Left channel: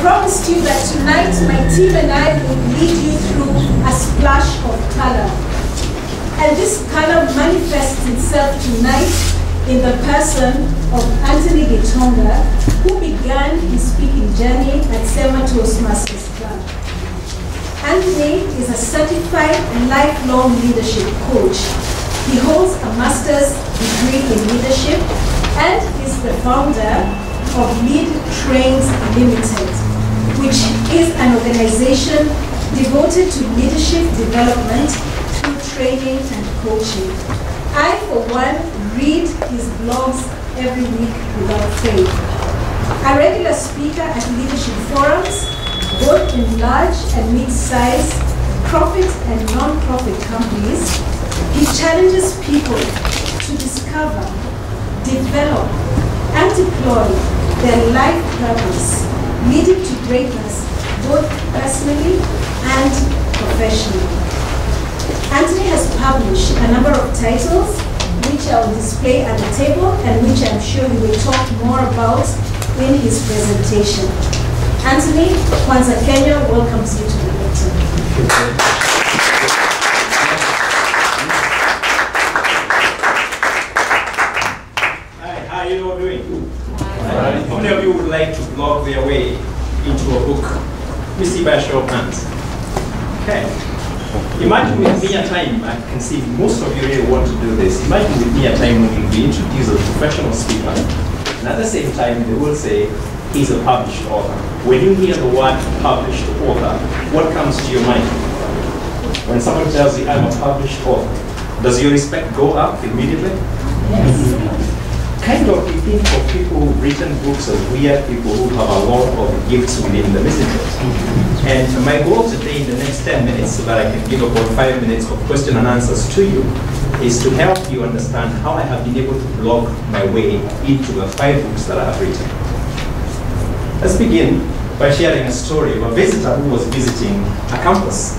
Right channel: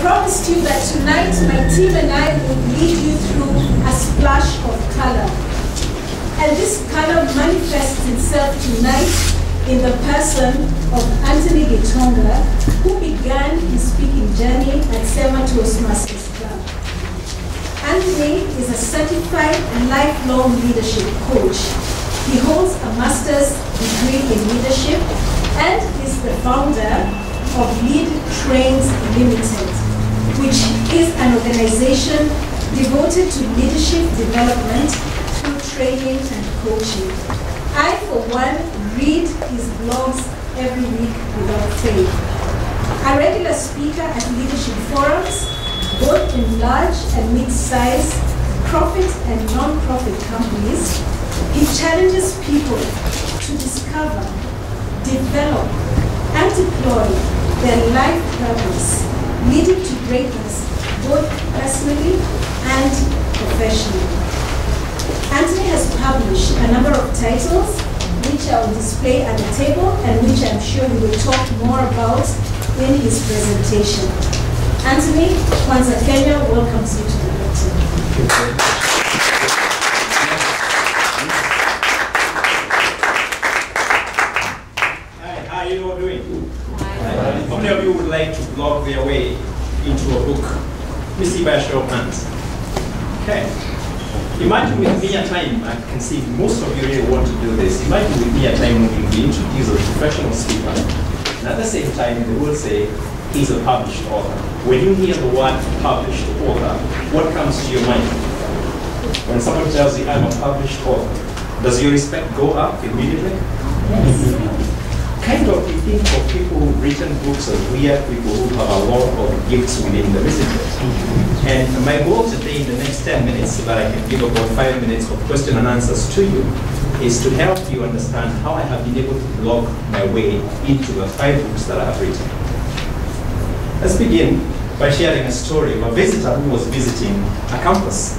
promised you that tonight my team and I would lead you through a splash of color. And this color manifests itself tonight in the person of Anthony Gitonga, who began his speaking journey at Sema Toastmasters Club. Anthony is a certified lifelong leadership coach. He holds a master's degree in leadership and is the founder of Lead Trains Limited, which is an organization devoted to leadership development through training and coaching. I, for one, read his blogs every week without fail. A regular speaker at leadership forums, both in large and mid-sized profit and non-profit companies, he challenges people to discover, develop, and deploy their life purpose, leading to greatness both personally and professionally. Anthony has published a number of titles, which I will display at the table and which I'm sure he will talk more about in his presentation. Anthony, Kwanza Kenya welcomes you to the lecture. How are you all doing? How many of you would like to blog their way into a book? Let me see by a show of hands. Okay. Imagine with me a time, I can see most of you really want to do this. Imagine with me a time when you introduce a professional speaker, and at the same time they will say, he's a published author. When you hear the word published author, what comes to your mind? When someone tells you, I'm a published author, does your respect go up immediately? Yes. Kind of, you think of people who've written books, of weird people who have a lot of gifts within the messages. And my goal today in the next 10 minutes, so that I can give about 5 minutes of question and answers to you, is to help you understand how I have been able to blog my way into the 5 books that I have written. Let's begin by sharing a story of a visitor who was visiting a campus.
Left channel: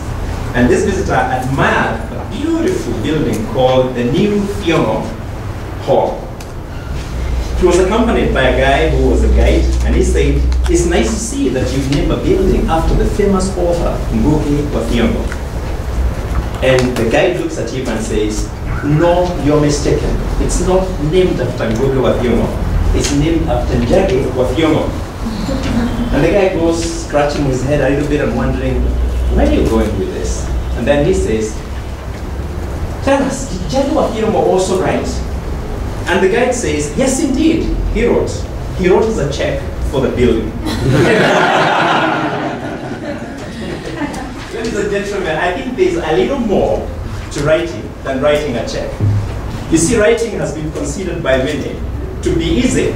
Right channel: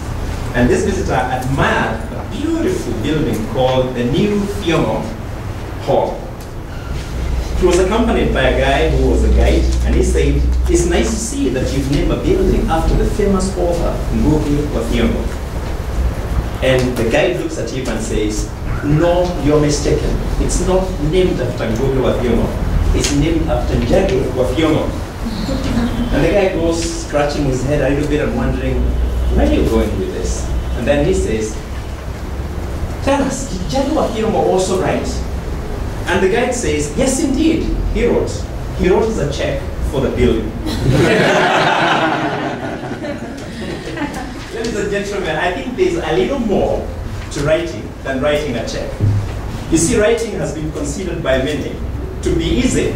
And this visitor admired a beautiful building called the New Thiongo Hall. He was accompanied by a guy who was a guide, and he said, it's nice to see that you've named a building after the famous author, Ngugi wa Thiong'o. And the guide looks at him and says, no, you're mistaken. It's not named after Ngugi wa Thiong'o. It's named after Njagi wa Thiong'o. And the guy goes scratching his head a little bit and wondering, where are you going with this? And then he says, tell us, did Njagi wa Thiong'o also write? And the guide says, yes, indeed, he wrote. He wrote us a check for the building. Ladies and gentlemen, I think there's a little more to writing than writing a check. You see, writing has been considered by many to be easy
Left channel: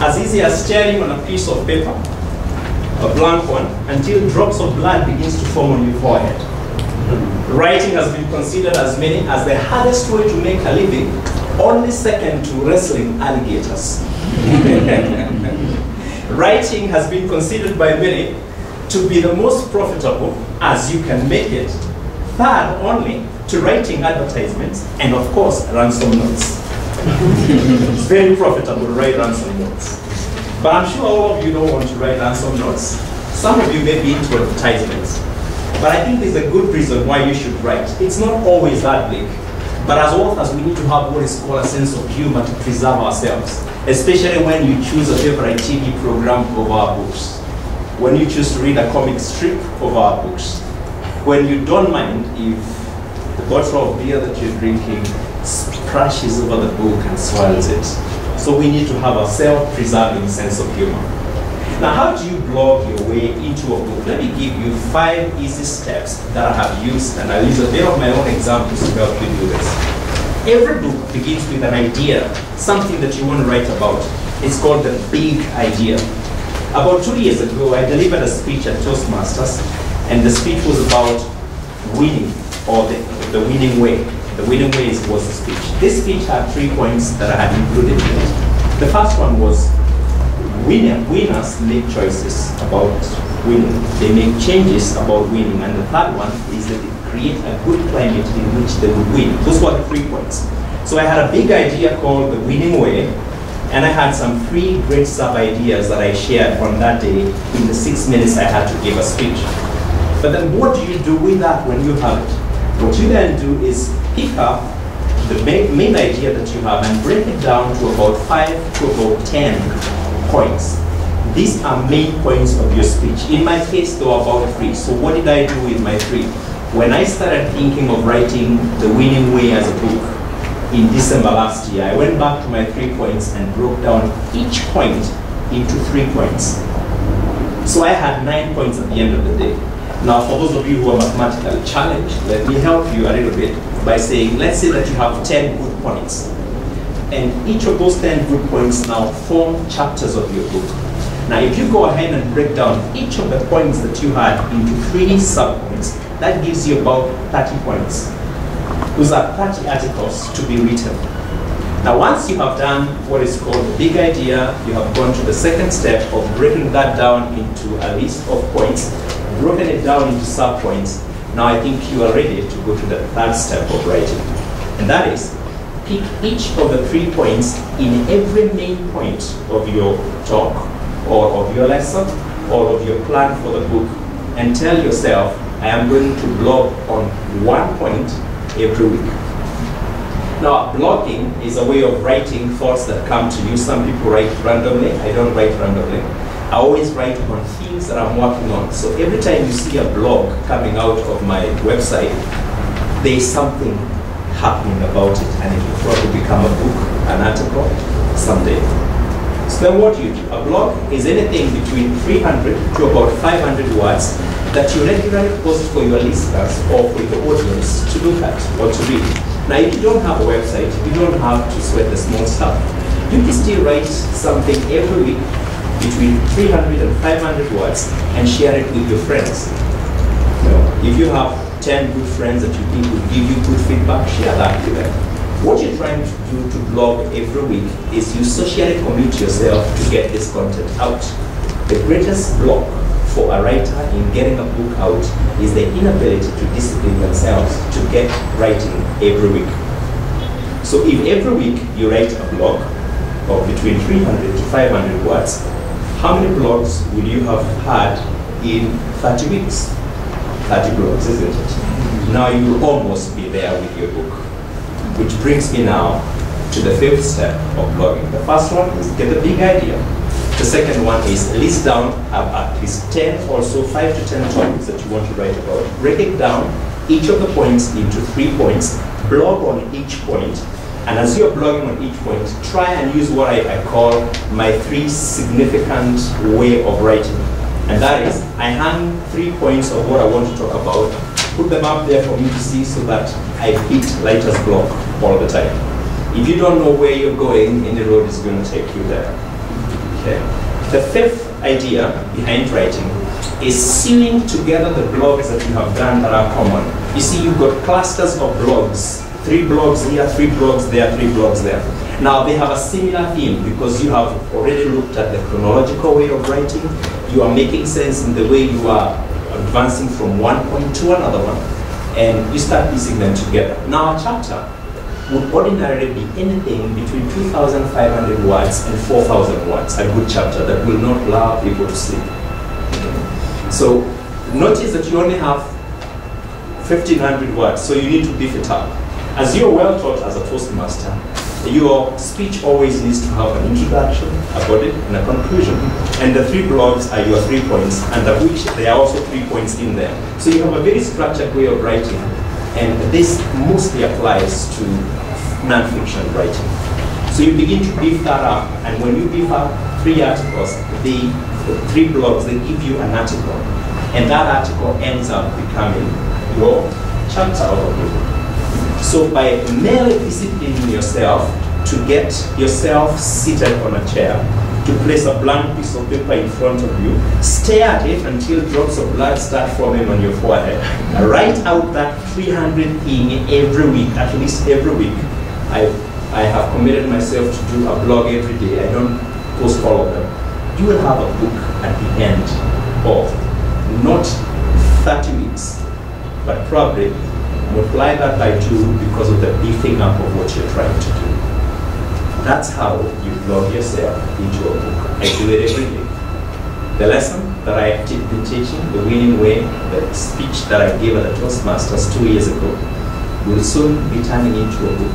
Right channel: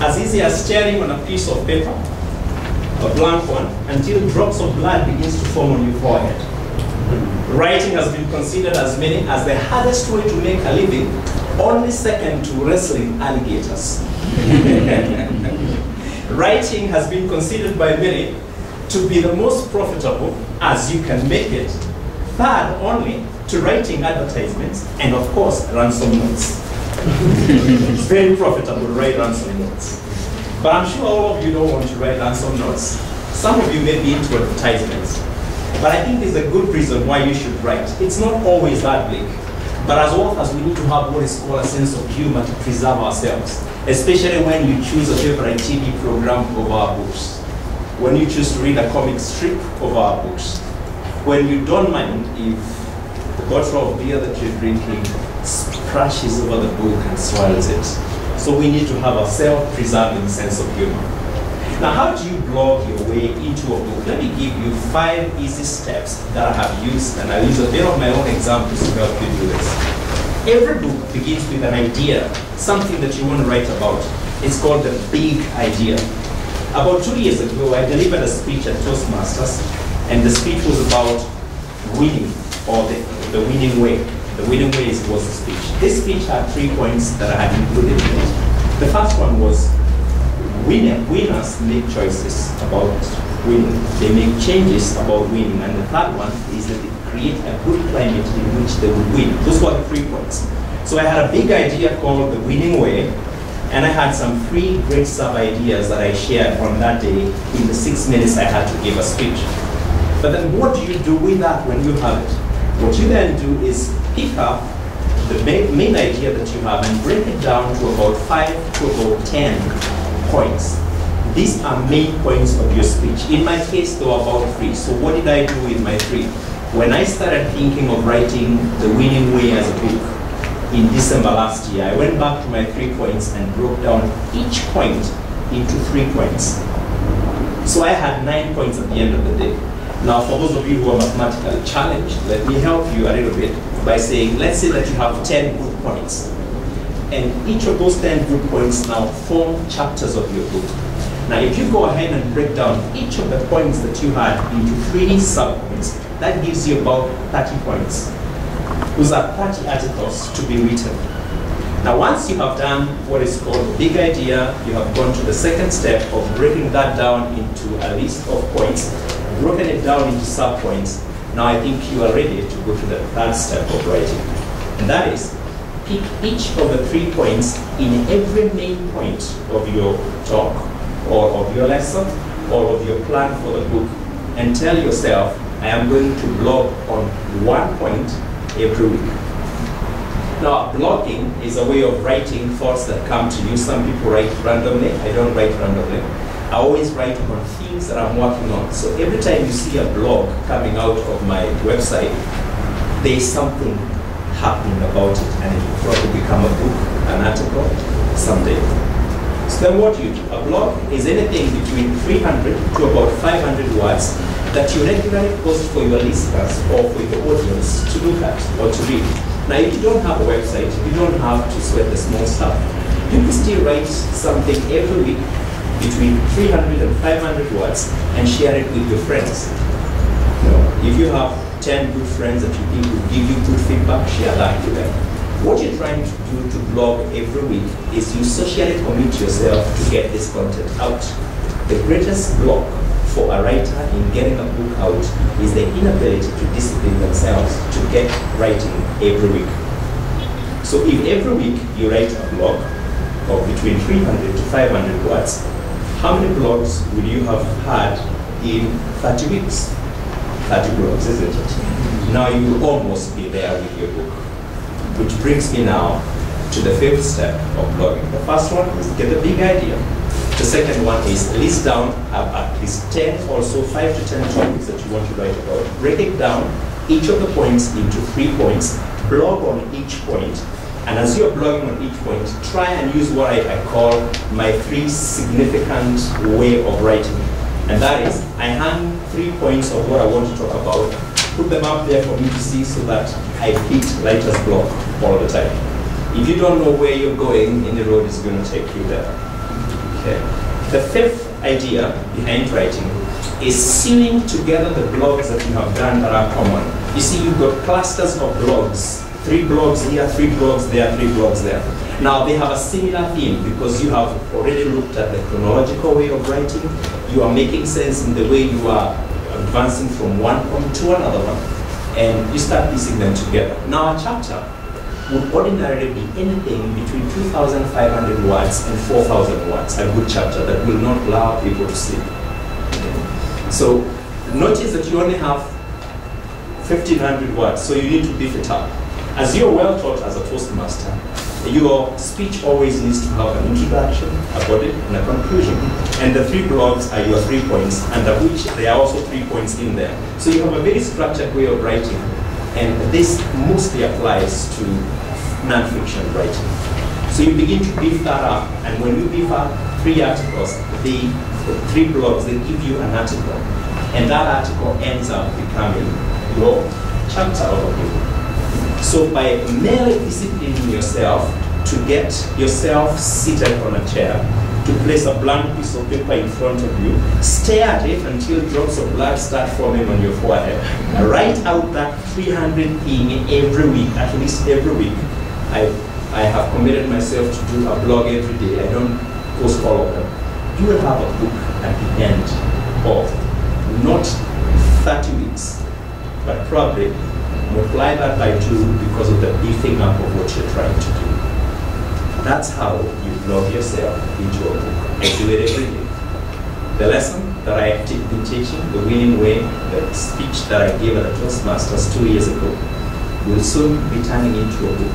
as staring on a piece of paper, a blank one, until drops of blood begins to form on your forehead. Writing has been considered as many as the hardest way to make a living, only second to wrestling alligators. Writing has been considered by many to be the most profitable, as you can make it, third only to writing advertisements and, of course, ransom notes. Very profitable to write ransom notes. But I'm sure all of you don't want to write ransom notes. Some of you may be into advertisements. But I think there's a good reason why you should write. It's not always that big. But as authors, we need to have what is called a sense of humor to preserve ourselves, especially when you choose a favorite TV program over our books, when you choose to read a comic strip over our books, when you don't mind if the bottle of beer that you're drinking splashes over the book and swirls it. So we need to have a self-preserving sense of humor. Now, how do you blog your way into a book? Let me give you 5 easy steps that I have used, and I'll use a bit of my own examples to help you do this. Every book begins with an idea, something that you want to write about. It's called the big idea. About 2 years ago, I delivered a speech at Toastmasters, and the speech was about winning, or the winning way. The winning way was the speech. This speech had 3 points that I had included in it. The first one was, winners make choices about winning. They make changes about winning. And the third one is that they create a good climate in which they would win. Those were the 3 points. So I had a big idea called the winning way, And I had some 3 great sub-ideas that I shared on that day in the 6 minutes I had to give a speech. But then what do you do with that when you have it? What you then do is pick up the main idea that you have and break it down to about 5 to about 10 points. These are main points of your speech. In my case, there were about 3. So what did I do with my 3? When I started thinking of writing The Winning Way as a book in December last year, I went back to my 3 points and broke down each point into 3 points. So I had 9 points at the end of the day. Now, for those of you who are mathematically challenged, let me help you a little bit by saying, let's say that you have 10 good points. And each of those 10 good points now form chapters of your book. Now, if you go ahead and break down each of the points that you had into 3 sub-points, that gives you about 30 points. Those are 30 articles to be written. Now, once you have done what is called the big idea, you have gone to the second step of breaking that down into a list of points, broken it down into sub-points. Now I think you are ready to go to the 3rd step of writing. And that is, pick each of the 3 points in every main point of your talk, or of your lesson, or of your plan for the book, and tell yourself, I am going to blog on 1 point every week. Now, blogging is a way of writing thoughts that come to you. Some people write randomly. I don't write randomly. I always write on things that I'm working on. So every time you see a blog coming out of my website, there is something happening about it, and it will probably become a book, an article, someday. So then what do you do? A blog is anything between 300 to about 500 words that you regularly post for your listeners or for your audience to look at or to read. Now, if you don't have a website, you don't have to sweat the small stuff. You can still write something every week between 300 and 500 words and share it with your friends. If you have 10 good friends that you think will give you good feedback, share that with them. What you're trying to do to blog every week is you socially commit yourself to get this content out. The greatest block for a writer in getting a book out is the inability to discipline themselves to get writing every week. So if every week you write a blog of between 300 to 500 words, how many blogs will you have had in 30 weeks? 30 blogs, isn't it? Now you'll almost be there with your book. Which brings me now to the 5th step of blogging. The first one is get a big idea. The second one is list down at least 10, also 5 to 10 topics that you want to write about. Break it down, each of the points into 3 points, blog on each point, and as you're blogging on each point, try and use what I call my 3 significant way of writing. And that is, I hang 3 points of what I want to talk about, put them up there for me to see so that I hit writer's block all the time. If you don't know where you're going, any road is going to take you there. Okay. The 5th idea behind writing is sewing together the blogs that you have done that are common. You see, you've got clusters of blogs, 3 blogs here, 3 blogs there, 3 blogs there. Now, they have a similar theme because you have already looked at the chronological way of writing. You are making sense in the way you are advancing from one point to another one, and you start piecing them together. Now, a chapter would ordinarily be anything between 2,500 words and 4,000 words, a good chapter that will not allow people to sleep. So notice that you only have 1,500 words, so you need to beef it up. As you're well taught as a Toastmaster, your speech always needs to have an introduction, a body, and a conclusion. And the 3 blogs are your 3 points, under which there are also 3 points in there. So you have a very structured way of writing, and this mostly applies to non-fiction writing. So you begin to beef that up, and when you beef up 3 articles, the 3 blogs, they give you an article, and that article ends up becoming your chapter of a book. So by merely disciplining yourself to get yourself seated on a chair, to place a blank piece of paper in front of you, stare at it until drops of blood start forming on your forehead, write out that 300 thing every week, at least every week. I have committed myself to do a blog every day. I don't post all of them. You will have a book at the end of not 30 weeks, but probably multiply that by 2 because of the beefing up of what you're trying to do. That's how you blog yourself into a book. I do it every day. The lesson that I have been teaching, the winning way, the speech that I gave at the Toastmasters 2 years ago, will soon be turning into a book.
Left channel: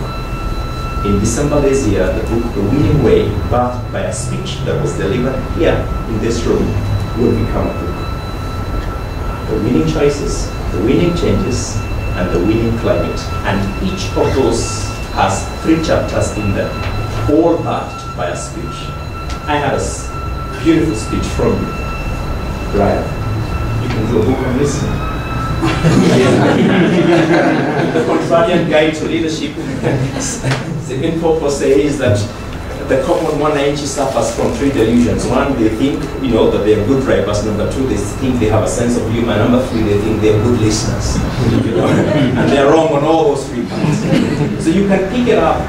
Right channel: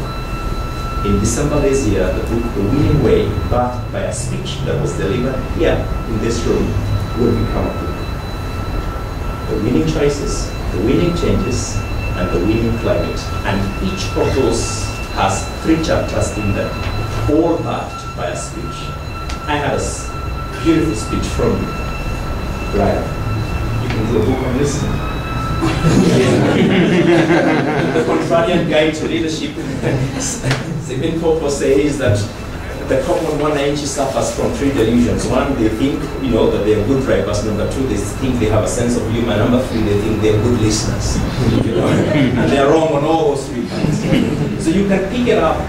In December this year, the book, The Winning Way, backed by a speech that was delivered here in this room, will become a book. The winning choices, the winning changes, and the winning climate. And each of those has 3 chapters in them, all backed by a speech. I had a beautiful speech from you, Brian. You can do a book on this. The Contrarian Guide to Leadership. Stephen Popo says that the common one actually suffers from 3 delusions. 1, they think that they are good drivers. Number 2, they think they have a sense of humor. Number 3, they think they are good listeners. And they are wrong on all those 3 points. So you can pick up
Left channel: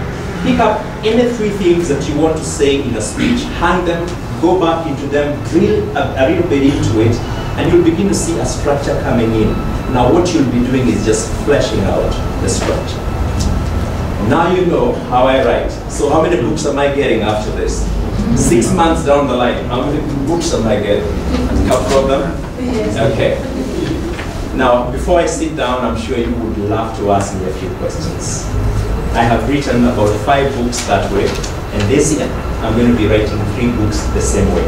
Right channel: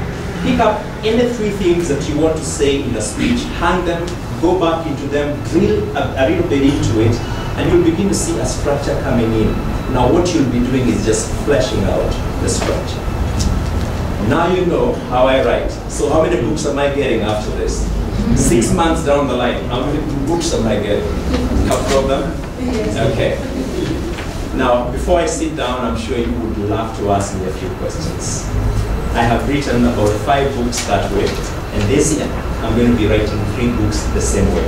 any 3 things that you want to say in a speech, hang them, go back into them, drill a little bit into it, and you'll begin to see a structure coming in. Now what you'll be doing is just fleshing out the structure. Now you know how I write. So how many books am I getting after this? 6 months down the line, how many books am I getting? No problem? Okay. Now, before I sit down, I'm sure you would love to ask me a few questions. I have written about 5 books that way, and this year, I'm going to be writing 3 books the same way.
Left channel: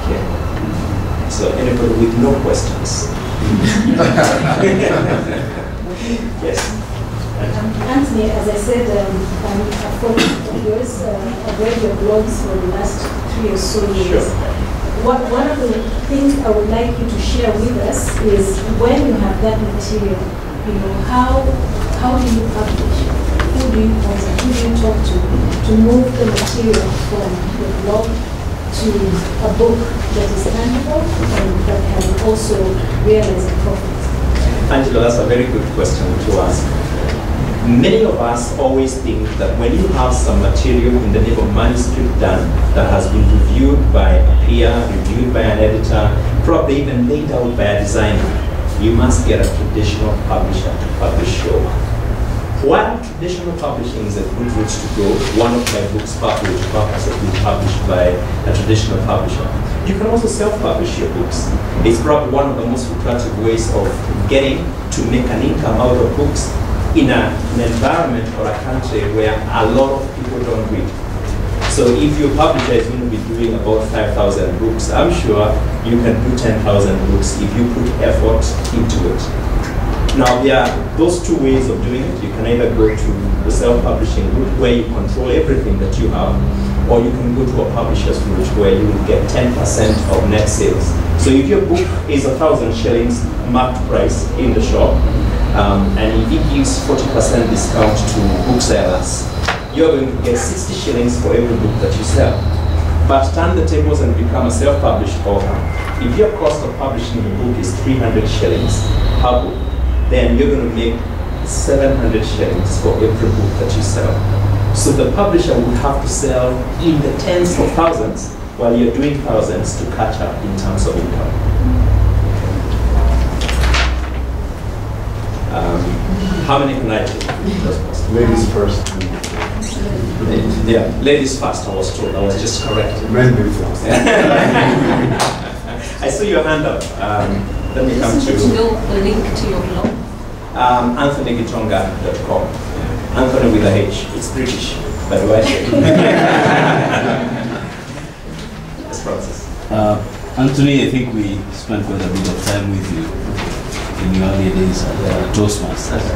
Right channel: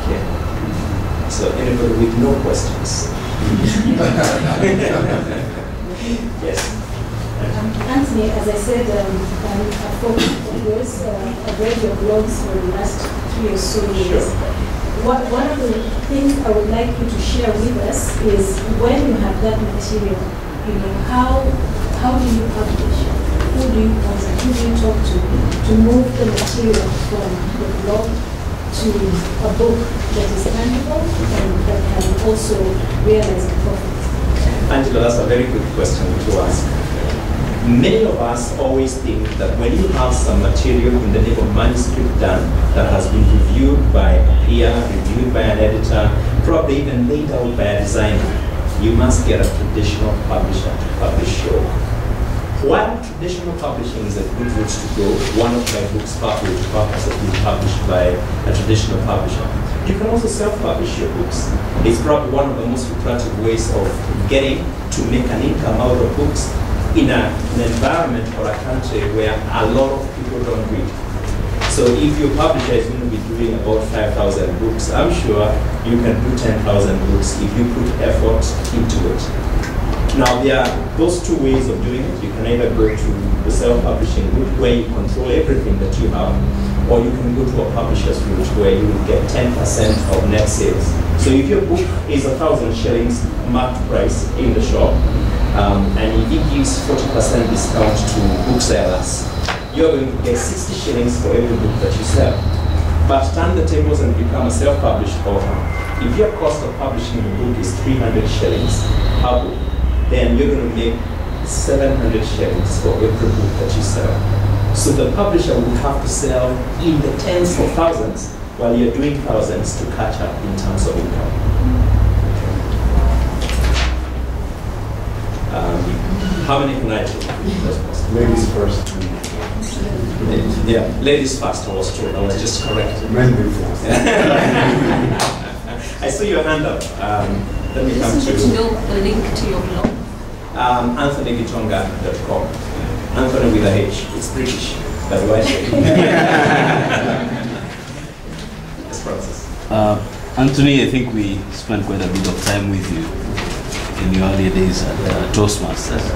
Okay. So anybody with no questions? Yes. Anthony, as I said, I'm a follower of yours. I've read your blogs for the last 3 or so years. Sure. One of the things I would like you to share with us is when you have that material, how do you publish? Who do you contact? Who do you talk to move the material from the blog to a book that is tangible and that can also realize a profit? Angela, that's a very good question to ask. Many of us always think that when you have some material in the name of manuscript done that has been reviewed by a peer, reviewed by an editor, probably even laid out by a designer, you must get a traditional publisher to publish your work. While traditional publishing is a good route to go, one of my books, Pathway to Purpose, has been published by a traditional publisher. You can also self-publish your books. It's probably one of the most lucrative ways of getting to make an income out of books in an environment or a country where a lot of people don't read. So if your publisher is going to be doing about 5,000 books, I'm sure you can do 10,000 books if you put effort into it. Now there are those 2 ways of doing it. You can either go to the self-publishing route where you control everything that you have, or you can go to a publisher's route where you will get 10% of net sales. So if your book is 1,000 shillings marked price in the shop, and if it gives 40% discount to booksellers, you're going to get 60 shillings for every book that you sell. But turn the tables and become a self-published author. If your cost of publishing a book is 300 shillings per book, then you're going to make 700 shillings for every book that you sell. So the publisher will have to sell in the tens of thousands while you're doing thousands to catch up in terms of income. How many can I take? Ladies first. Yeah, ladies first, I was told. I was just correct. Men first. I saw your hand up. Let me come to know the link to your blog. AnthonyGitonga.com. Anthony with a H. It's British, by the way. Yes, Francis. Anthony, I think we spent quite a bit of time with you in your earlier days at Toastmasters.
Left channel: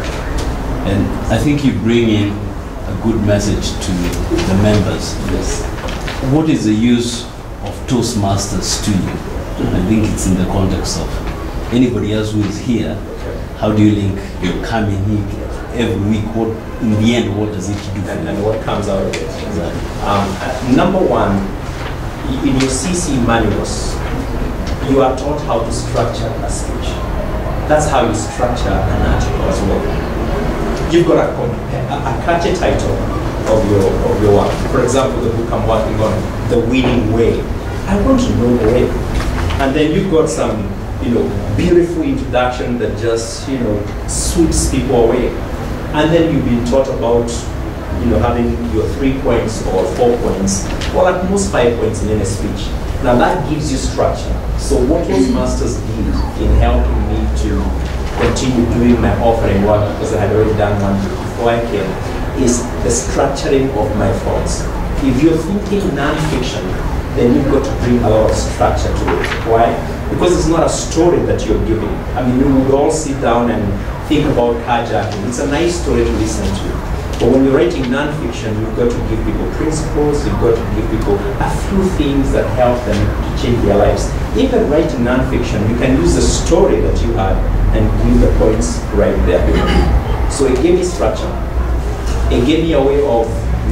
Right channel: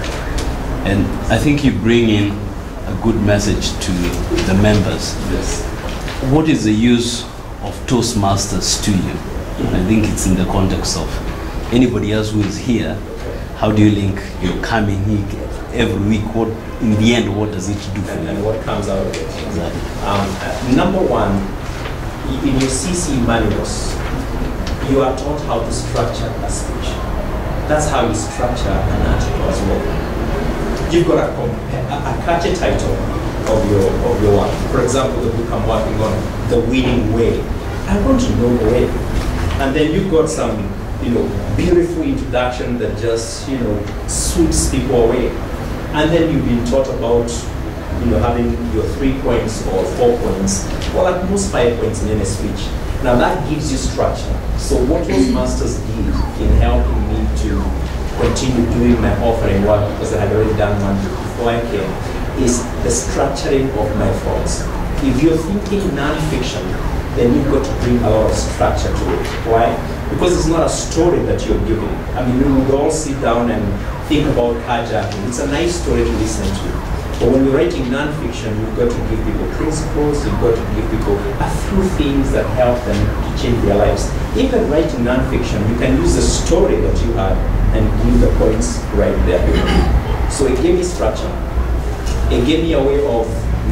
And I think you bring in a good message to the members. Yes. What is the use of Toastmasters to you? I think it's in the context of anybody else who is here. How do you link your coming here every week? What, in the end, what does it do for you? And what comes out of it? Exactly. Number one, in your CC manuals, you are taught how to structure a speech. That's how you structure an article as well. You've got a catchy title of your work. For example, the book I'm working on, The Winning Way. I want to know the way. And then you've got some, beautiful introduction that just, sweeps people away. And then you've been taught about having your 3 points or 4 points, or at most 5 points in any speech. Now that gives you structure. So what those masters did in helping me to continue doing my offering work, because I had already done one before I came, is the structuring of my thoughts. If you're thinking non-fiction, then you've got to bring a lot of structure to it. Why? Because it's not a story that you're giving. I mean, we would all sit down and think about carjacking. It's a nice story to listen to. But when you're writing non-fiction, you've got to give people principles, you've got to give people a few things that help them to change their lives. Even writing non-fiction, you can use the story that you had and give the points right there. So it gave me structure. It gave me a way of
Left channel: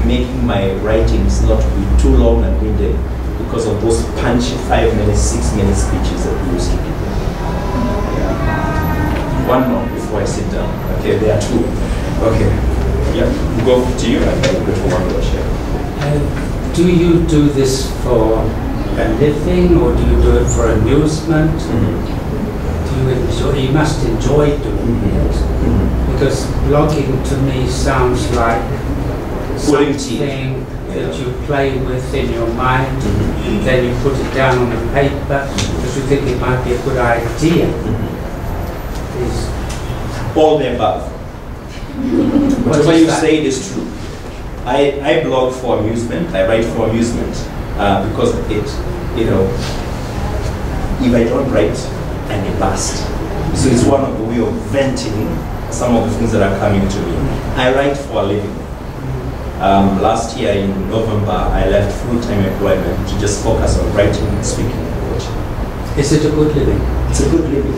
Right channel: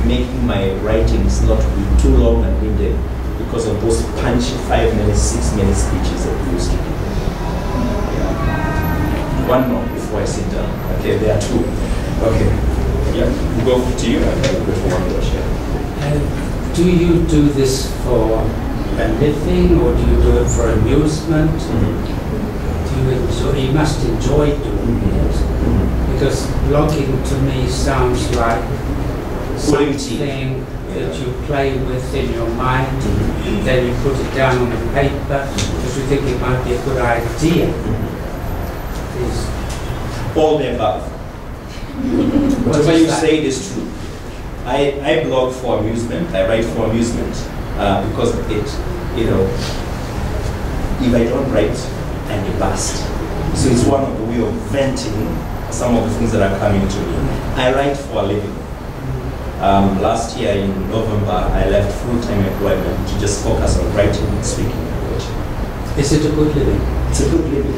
making my writings not to be too long and winded because of those punchy 5-minute, 6-minute speeches that we used to give. Yeah. One more before I sit down. Okay, there are 2. Okay. Yeah, we'll go to you and then we'll go to one more share. Do you do this for a living or do you do it for amusement? Do you enjoy? You must enjoy doing it because blogging to me sounds like something that you play with in your mind, and then you put it down on the paper because you think it might be a good idea. All the above. Whatever you say is true. I blog for amusement. I write for amusement because it, if I don't write, I may bust. So it's one of the way of venting some of the things that are coming to me. I write for a living. Last year in November, I left full-time employment to just focus on writing and speaking and coaching. Is it a good living? It's a good living.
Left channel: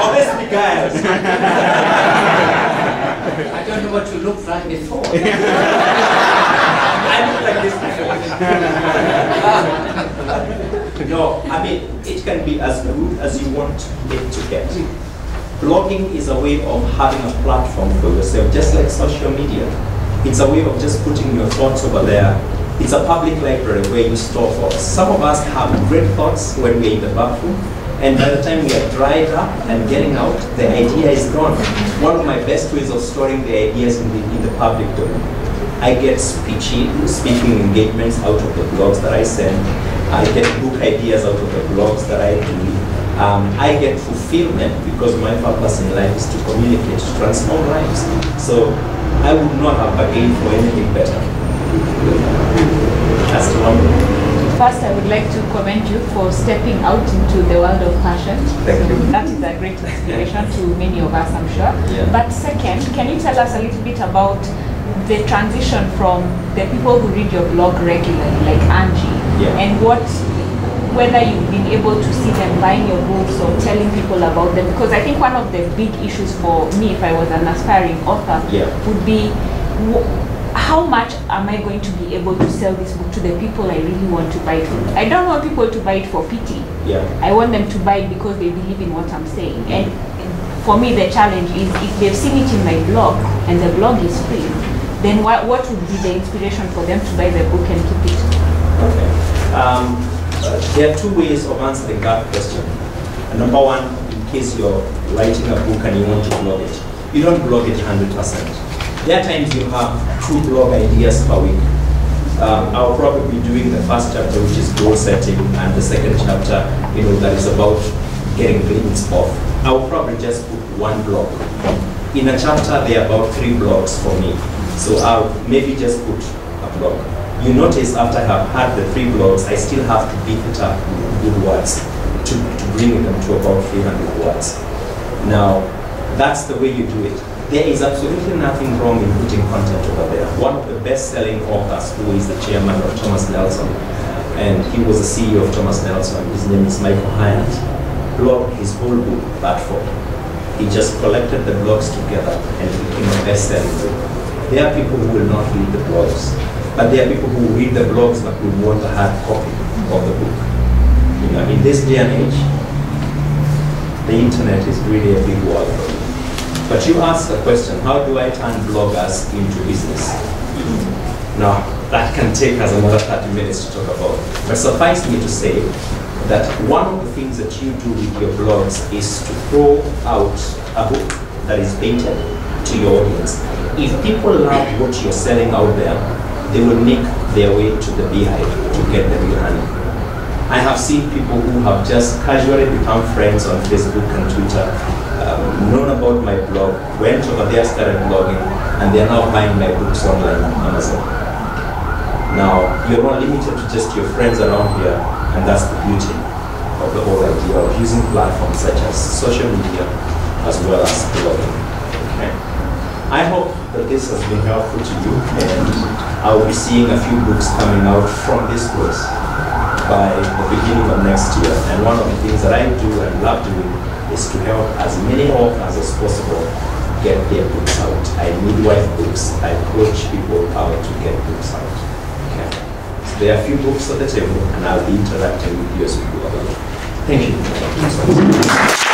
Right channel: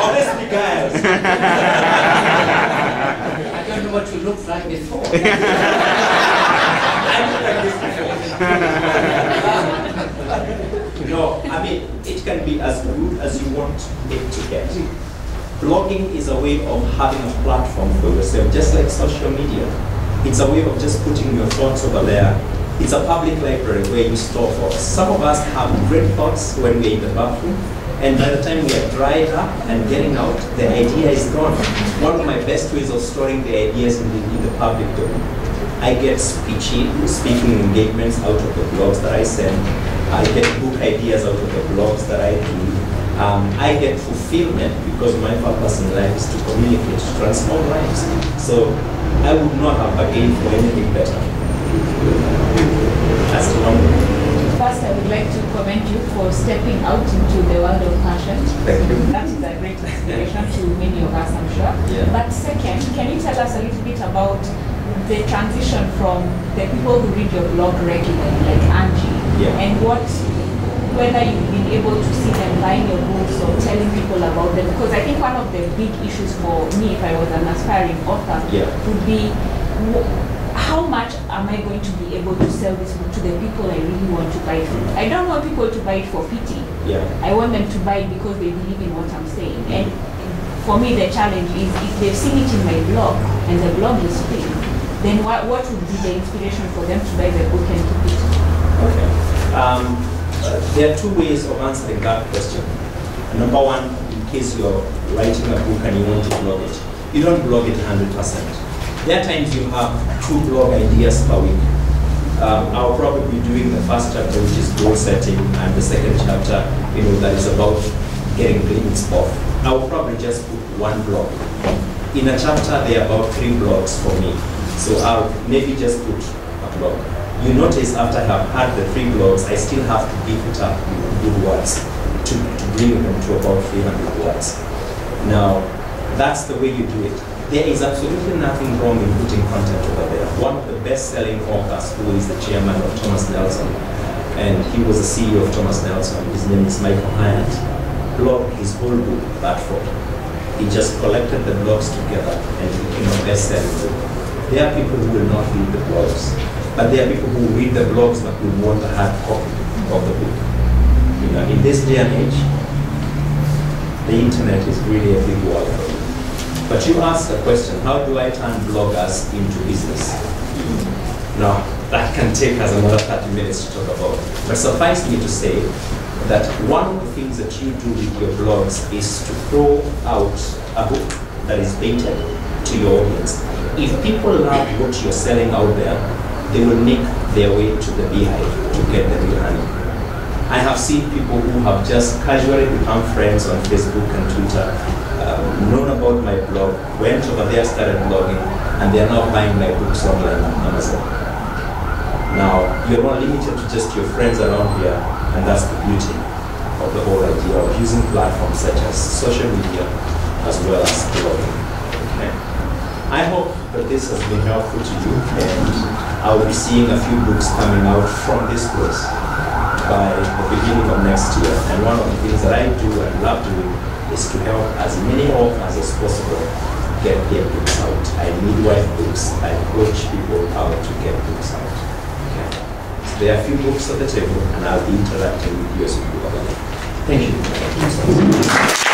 Honestly, guys. I don't know what you looked like before. I look like this before. No, I mean, it can be as good as you want it to get. Blogging is a way of having a platform for yourself, just like social media. It's a way of just putting your thoughts over there. It's a public library where you store thoughts. Some of us have great thoughts when we're in the bathroom, and by the time we are dried up and getting out, the idea is gone. One of my best ways of storing the ideas in the public domain. I get speaking engagements out of the blogs that I send. I get book ideas out of the blogs that I do. I get fulfillment because my purpose in life is to communicate, to transform lives. So I would not have bargained for anything better. That's the one. First, I would like to commend you for stepping out into the world of passion. Thank you. That is a great inspiration to many of us, I'm sure. Yeah. But second, can you tell us a little bit about the transition from the people who read your blog regularly, like Angie, and whether you've been able to see them buying your books or telling people about them? Because I think one of the big issues for me, if I was an aspiring author, would be how much am I going to be able to sell this book to the people I really want to buy it for? I don't want people to buy it for pity. I want them to buy it because they believe in what I'm saying. And for me, the challenge is if they've seen it in my blog and the blog is free, then what would be the inspiration for them to buy the book and keep it? Okay. There are 2 ways of answering that question. Number one, in case you're writing a book and you want to blog it, you don't blog it 100%. There are times you have 2 blog ideas per week. I'll probably be doing the first chapter, which is goal setting, and the second chapter, that is about getting grades off. I'll probably just put 1 blog. In a chapter, there are about 3 blogs for me. So I'll maybe just put a blog. You notice after I have had the 3 blogs, I still have to beef it up with good words to bring them to about 300 words. Now, that's the way you do it. There is absolutely nothing wrong in putting content over there. One of the best-selling authors, who is the chairman of Thomas Nelson, and he was the CEO of Thomas Nelson, his name is Michael Hyatt, blogged his whole book platform. He just collected the blogs together and it became a best-selling book. There are people who will not read the blogs, but there are people who read the blogs but will want a hard copy of the book. In this day and age, the internet is really a big world for you. But you asked the question, how do I turn bloggers into business? Now, that can take us another 30 minutes to talk about. But suffice me to say, that one of the things that you do with your blogs is to throw out a book that is painted to your audience. If people love what you're selling out there, they will make their way to the beehive to get the real honey. I have seen people who have just casually become friends on Facebook and Twitter, known about my blog, went over there, started blogging, and they're now buying my books online on Amazon. Now, you're not limited to just your friends around here, and that's the beauty of the whole idea of using platforms such as social media as well as blogging. Okay. I hope that this has been helpful to you, and I'll be seeing a few books coming out from this course by the beginning of next year. And one of the things that I do and love doing is to help as many authors as possible get their books out. I midwife books. I coach people how to get books out. Okay. So there are a few books at the table, and I'll be interacting with you as we go along. Thank you.